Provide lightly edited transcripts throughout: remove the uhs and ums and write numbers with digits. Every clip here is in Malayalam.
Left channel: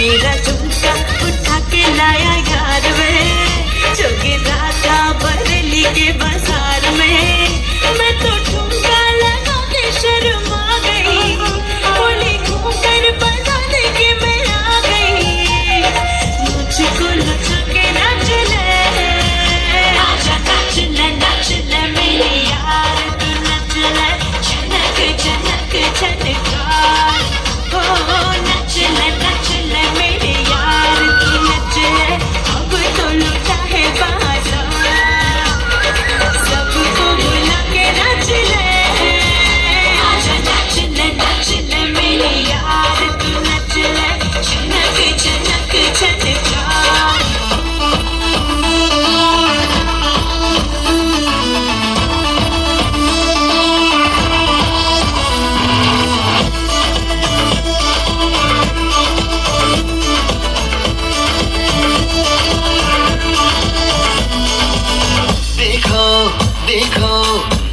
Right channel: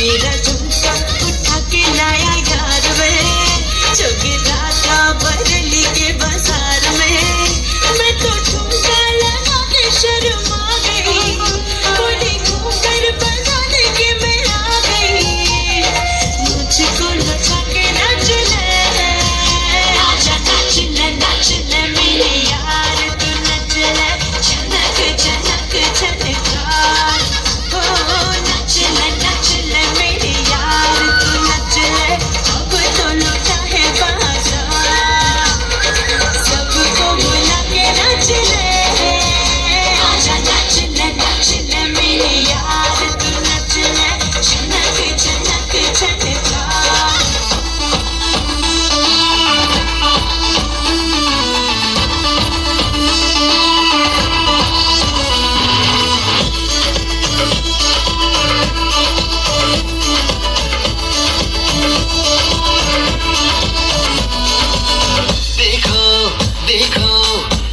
मेरा झुमका उठा के लाया यार में, जो गिरा था बरेली के बाजार में। मैं तो झुमका लगा के शर्मा गई, बोली घूंघट बजाने के मैं आ गई। मुझको लगा के नाच ले, आजा नाच ले मेरे यार, तू नच ले झनक झनक झनका। हो नच ले मेरे यार, तू नच ले, अब तो लुटा है बाजार। सबको बुला के नाच ले, आजा नाच ले मेरे यार, तू नच ले झनक झनक झनका। देखो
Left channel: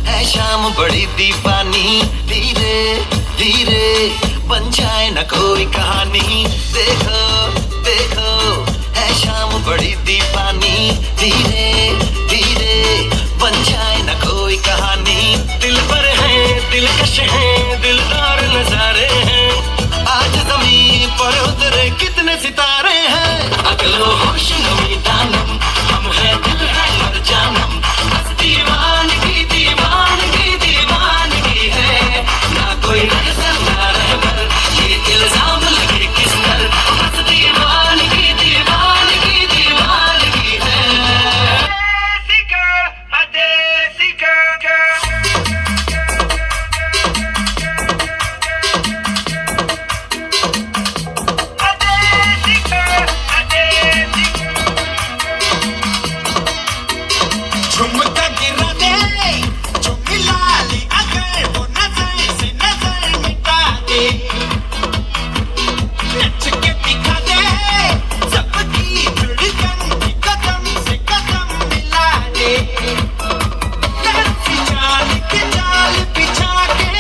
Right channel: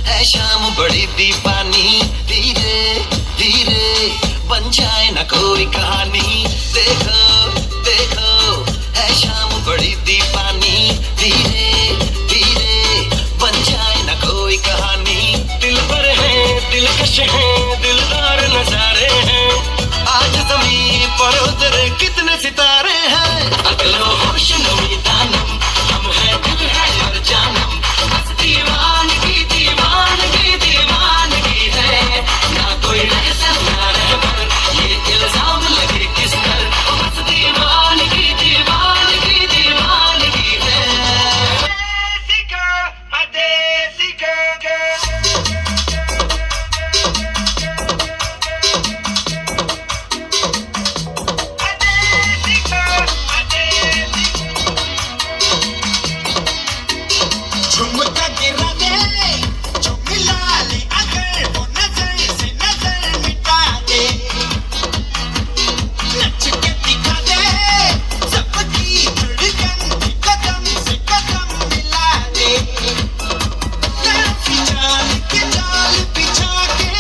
है शाम बड़ी दीवानी, धीरे धीरे बन जाए ना कोई कहानी। देखो देखो है शाम बड़ी दीवानी, धीरे धीरे बन जाए ना कोई कहानी। दिल पर है दिलकश है दिलदार नजारे हैं, आज ज़मीन पर उतरे कितने सितारे हैं। अगलो होश नमी दानम, हम है दिल है और जानम, दीवानगी दीवानगी दीवानगी है ना कोई पर ये इल्जाम लगे किस पर। दीवानगी दीवानगी दीवानगी है। देसी girl, झुमका गिरा दे जो मिला ली, अगर वो नजर से नजर मिटा दे। नच के दिखा दे सबकी धड़कन की, कदम से कदम मिला दे। लड़की चाल के जाल बिछा के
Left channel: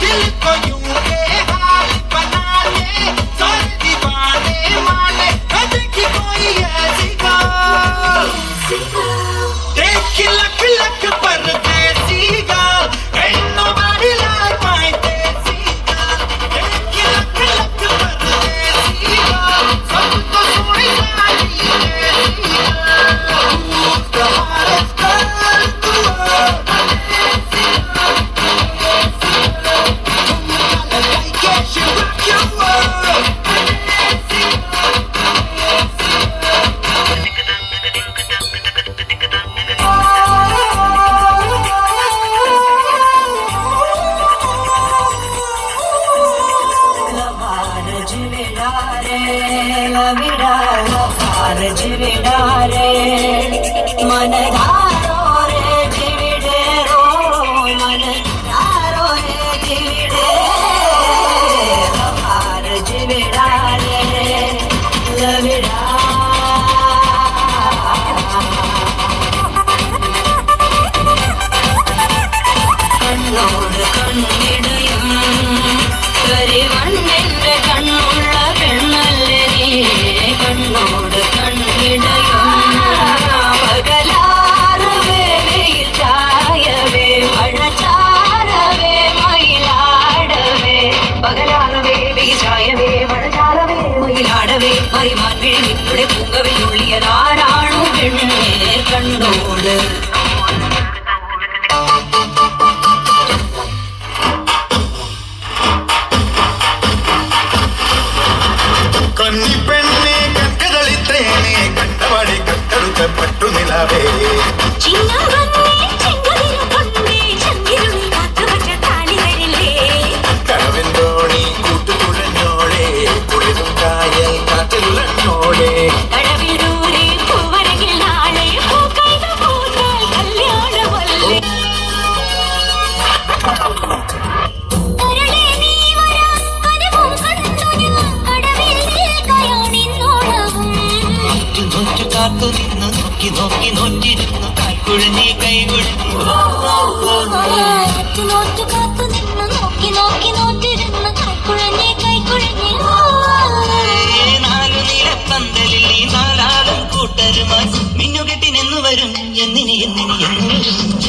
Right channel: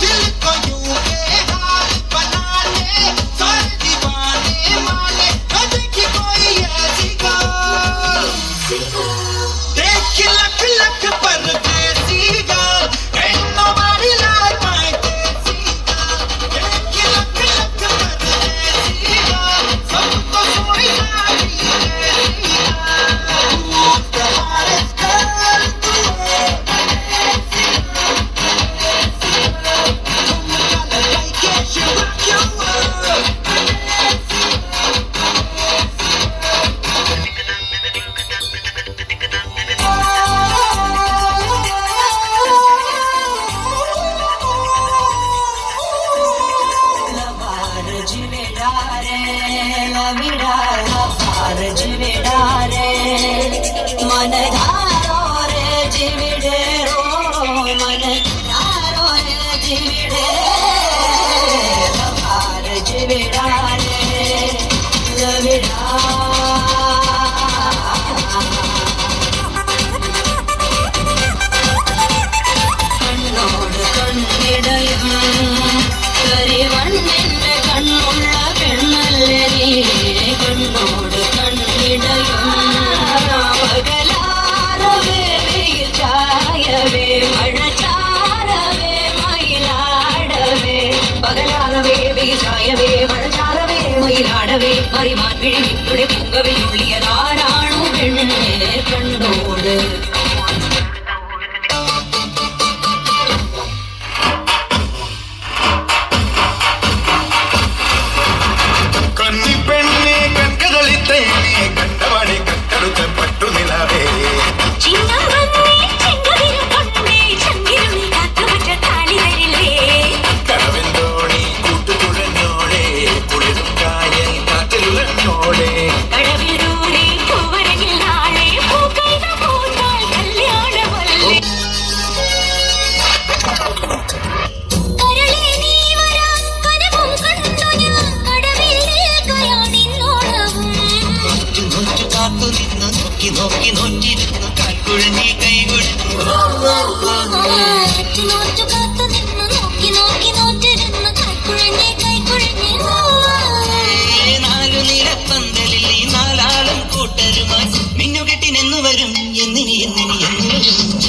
दिल को यूं बेहाल बना ले, सारे दीवाने माने देखी कोई ऐसी girl। देख लख लख परदेसी girl, ain't nobody like my देसी girl। देख लख लख परदेसी girl, सबको सोई वाली देसी girl। Who's the hottest girl in the world? देसी girl, देसी girl, तुम gotta like it, she rock your world। देसी girl, लवार जिवेड़ा रे मन धारो रे जिविड़े रो, मन धारो रे जिविड़े। लवार जिवेड़ा रे लविड़ा, കണ്ണോട് കണ്ണിടയും കരിവണ്ണിന്റെ കണ്ണുള്ള പെണ്ണല്ലേ നീ, കണ്ണോട് കണ്ണിടയും പകലാറവേ വെയിൽ ചായവേ മഴ ചാരവേ മയിലാടവേ, പകലാറവേ വെയിൽ ചായവേ മഴ ചാരവേ മയിലാടവേ, മറിമാൻ വിഴിയുടെ പൂങ്കവിൽ ഉള്ളിയതാരാണു പെണ്ണേ കണ്ടോട്. കന്നി പെണ്ണെ കൺകതളിത്തേനെ കണ്ടവാടി കട്ടെടുത്ത പട്ടു നിലാവേ। കടവെന്തോണി കൂട്ടുതുഴഞ്ഞോളെ, കുളിരും കായ കാത്തുലഞ്ഞോളെ, നോക്കി നോക്കി നോറ്റിരുന്നു കാൽക്കുഴഞ്ഞി കൈകൊടുത്തു നാലു നിലപ്പന്തലിൽ ഈ നാലാളും കൂട്ടരുമായി മിന്നുകെട്ടിനെന്നു വരും എന്നിനി എന്നിനി എന്നു വരും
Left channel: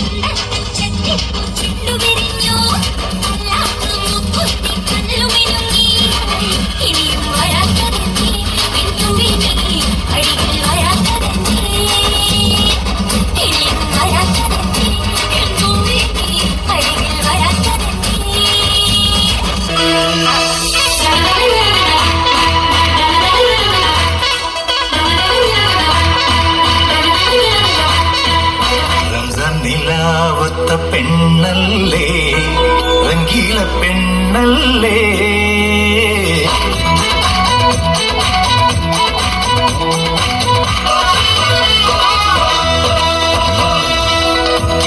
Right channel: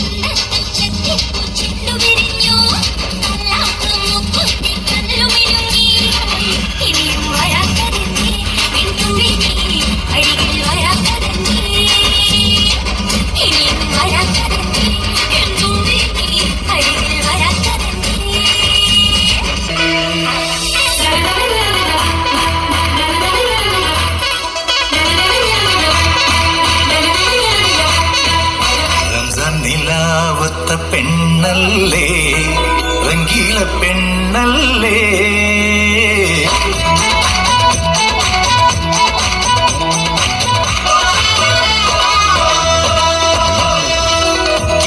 പെണ്ണല്ലേ രംഗീല പെണ്ണല്ലേ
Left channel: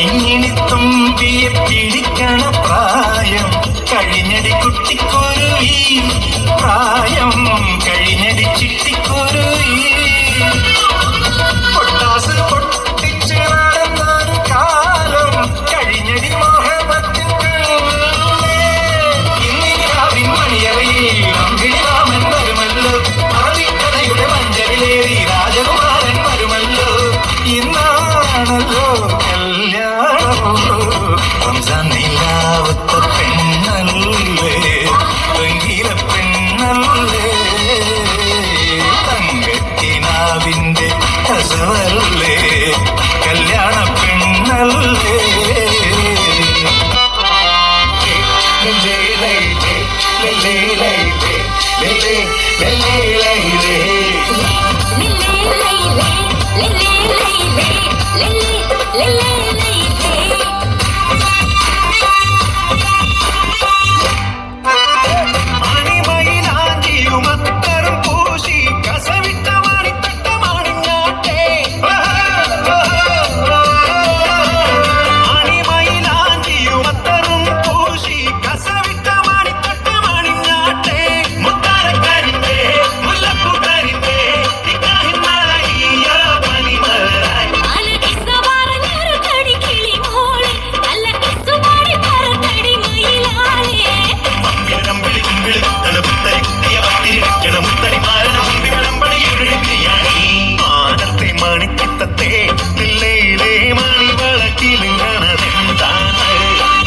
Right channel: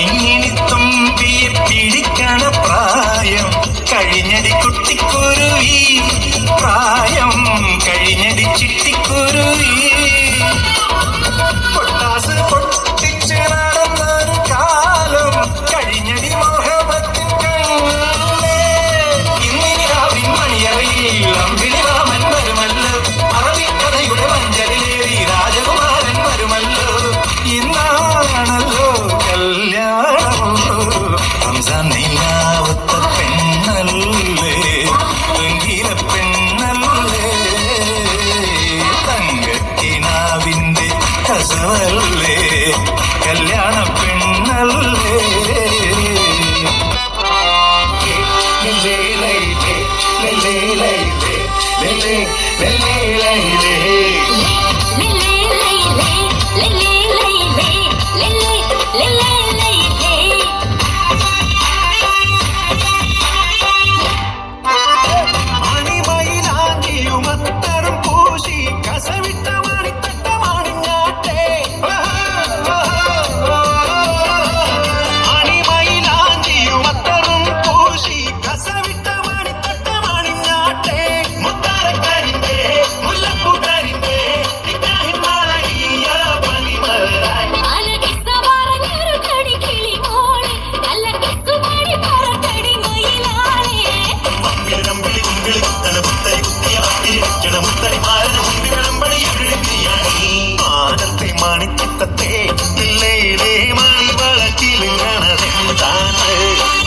ഇങ്ങനെ തുമ്പിയെ പിടിക്കണ പ്രായം കഴിഞ്ഞടി കുട്ടിക്കുരുവി പ്രായം കഴിഞ്ഞടി ചിട്ടിക്കുരുവി പൊട്ടാസ് പൊട്ടിച്ച് നടന്നൊരു കാലം കഴിഞ്ഞടി മോഹബത്തിൻ ഇന്നിരാവിൻ മണിയറയിൽ അമ്പിളിരാമൻ വരുമല്ലോ അറബിക്കഥയുടെ മഞ്ചലിലേറി രാജകുമാരൻ വരുമല്ലോ ഇന്നാണല്ലോ കല്യാണം റംസാൻ നിലാവത്ത പെണ്ണല്ലേ രംഗീല പെണ്ണല്ലേ തങ്കക്കിനാവിന്റെ കസവല്ലേ കല്യാണ പെണ്ണല്ലേ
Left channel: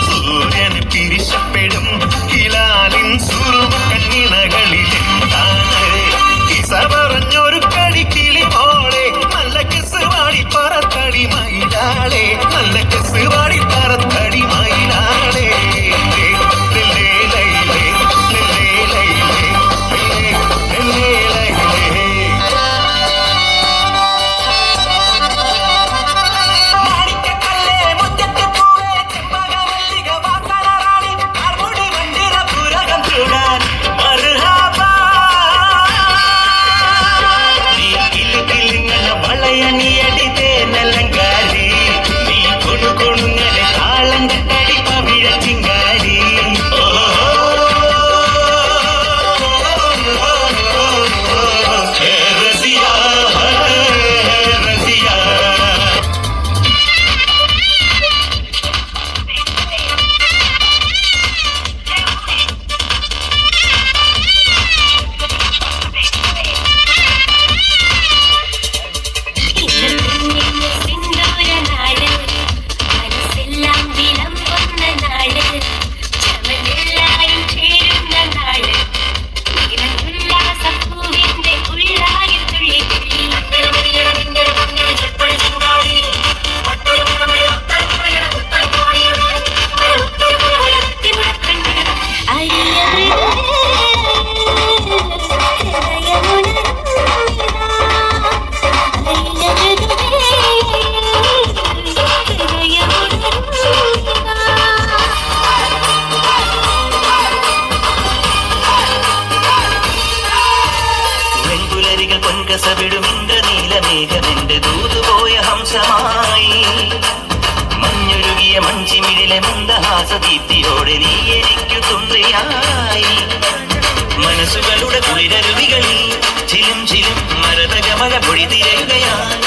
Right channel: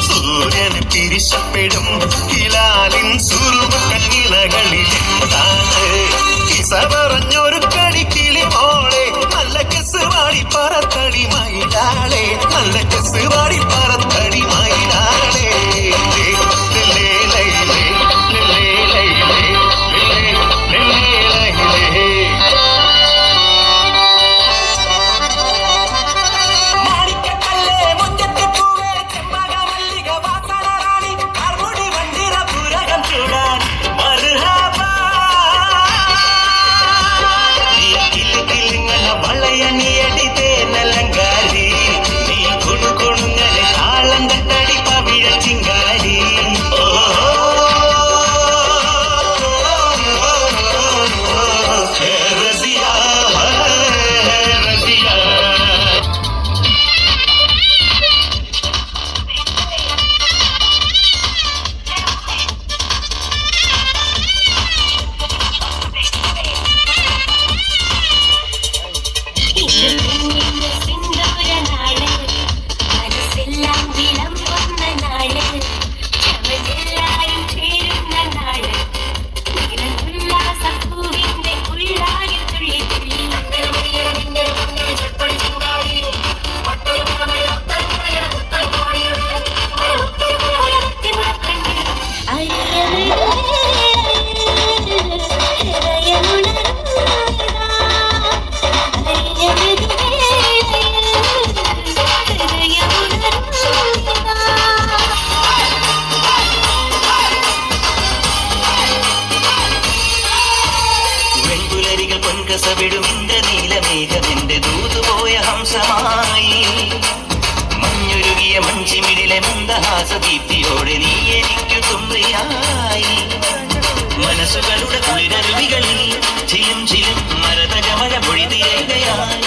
സൂര്യന് പിരിശപ്പെടും ഹിലാലിൻ സുറുമുട്ടനിലകളിലെന്താണ് കിസ പറഞ്ഞൊരു കളിക്കിളി മോളെ നല്ല കിസ് വാടി പറത്തടി മയിലാളെ നല്ല കിസ് വാടി പറത്തടി മയിലാളെ നീലമേഘമെന്റെ ദൂതുപോയ ഹംസമായി മഞ്ഞുരുകി ചെറിയ മഞ്ചിമിഴിലെ മന്ദഹാസദീപ്തിയോടെ നീ എനിക്കു തുണയായി മനസ്സുകളുടെ കുളിരരുവികളിൽ ചിലും ചിലും മരതകമല പൊഴി തിരയുകയായി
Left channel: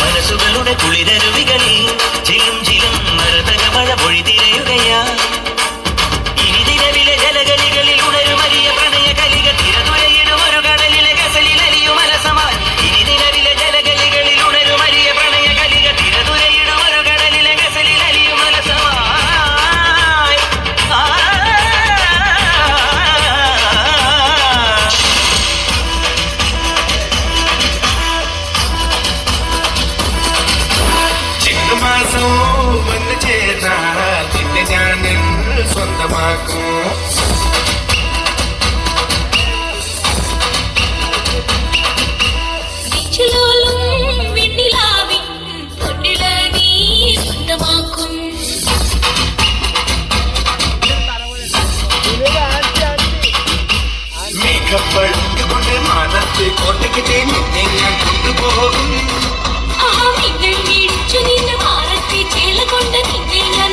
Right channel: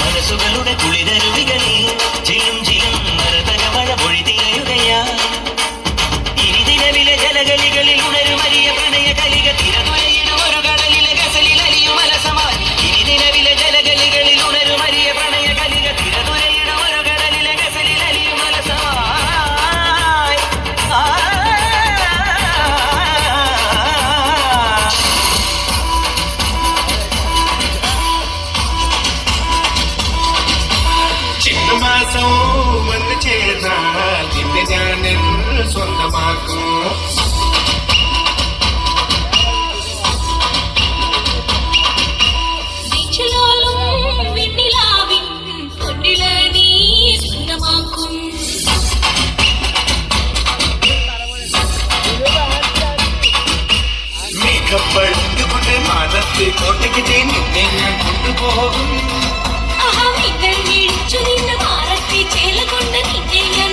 മനസ്സുകളുടെ കുളിരരുവികളിൽ ചിലും ചിലും മരതകമല പൊഴി തിരയുകയായി ഇനി നിലവിലെ ജലകളികളിൽ ഉണരുമലിയ പ്രണയ കലിക തിരതുരയിടും ഒരു കടലിലെ ഗസലിൽ അലിയും അലസമായി ഇനി നിലവിലെ ജലകളികളിൽ ഉണരുമലിയ പ്രണയ കലിക തിരതുരയിടും ഒരു കടലിലെ ഗസലിൽ അലിയും അലസമായി ചിങ്ങമാസം വന്നു ചേർന്നാൽ നിന്നെ ഞാൻ സ്വന്തമാക്കും ിലും വെണ്ണിലാവിൻ പൊന്നില നീ സ്വന്തമാക്കും മേഘപ്പഴുകൊണ്ട് മാനത്ത് കോട്ടയ്ക്ക് നിന്നെ ഞാൻ കൊണ്ടുപോകും മിന്നൽ വീഴ്ച നിന്ന മാറത്തെ ചേല കൊണ്ട് നിന്നെ ഞാൻ